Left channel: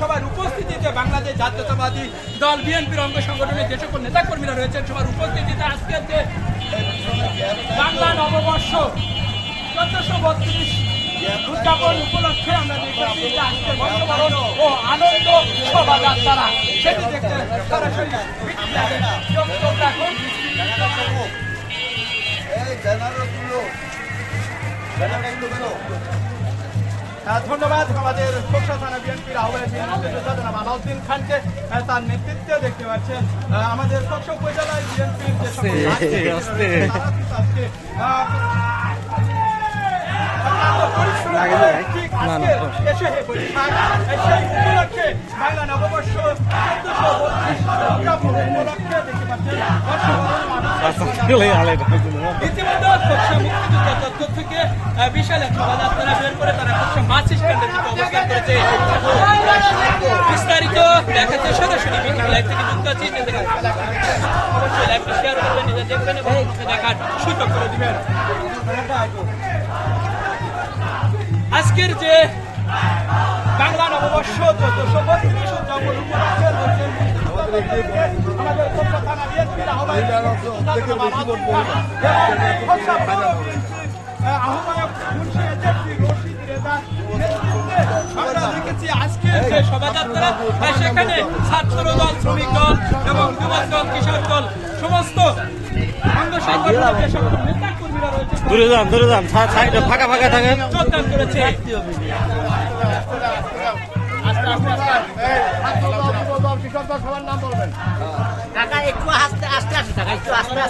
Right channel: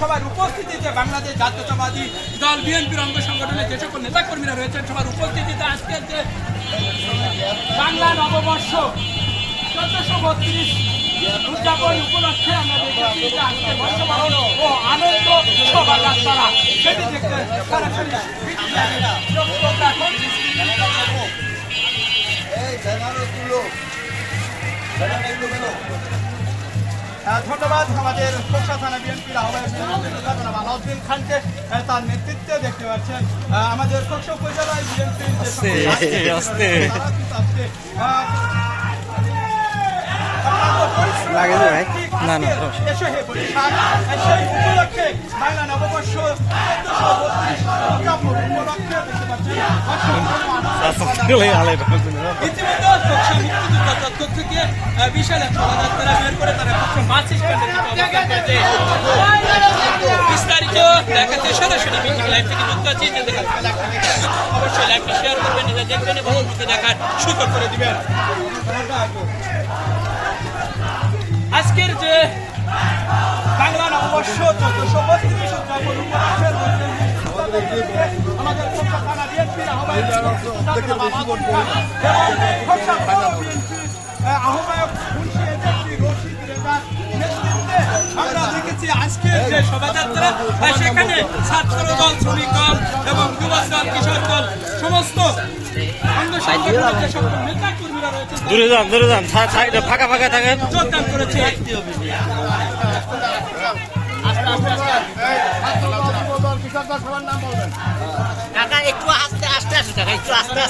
সবার উপস্থিতিতে বাংলাদেশ জাতীয়তাবাদী দল বিএনপির অঙ্গ সংগঠনের যে সকল নেতাকর্মীরা রয়েছেন সবার উপস্থিতিতে আজকের যে বাংলা নববর্ষ 1432 উদযাপন উপলক্ষে আমরা দেখেছি যে আজকে বর্ষবরণ ও আনন্দ শোভাযাত্রা সেটি দেখতে সরাসরি ধন্যবাদ আমাদের খোরশা থানা বিএনপির আহ্বায়ক আলাউদ্দিন খানকে তার নেতৃত্বে দেখতে পাচ্ছেন আমাদের খোরশা উপজেলার বিএনপির না না বাংলা নববর্ষ ইতিমধ্যে থেকে বিশাল এক শোভাযাত্রা বের করে তারা মাছ স্ট্যান্ডে বিস্তারিত দেখাতে সরাসরি লাইভ থেকে যুক্ত আছি অবশ্যই লাইভটা শেয়ার করবেন নিজে দেখবেন এবং দেখার সুযোগ করে দিবেন। আজকের যে বাংলা নববর্ষ 1432 আমাদের থানা বিএনপির আমরা দেখেছি আজকের যে শোভাযাত্রা সেখানে ছাত্র দল, শ্রমিক দল এবং যুবক দল, কিশোর দল সমস্ত অঙ্গ সংগঠনের যে সকল নেতা কর্মীরা রয়েছে দূরে যান ফাঁকা ফাঁকা থাকেন যোগদান করেছে। সবার নাম বলবেন। একটু আস্তে আস্তে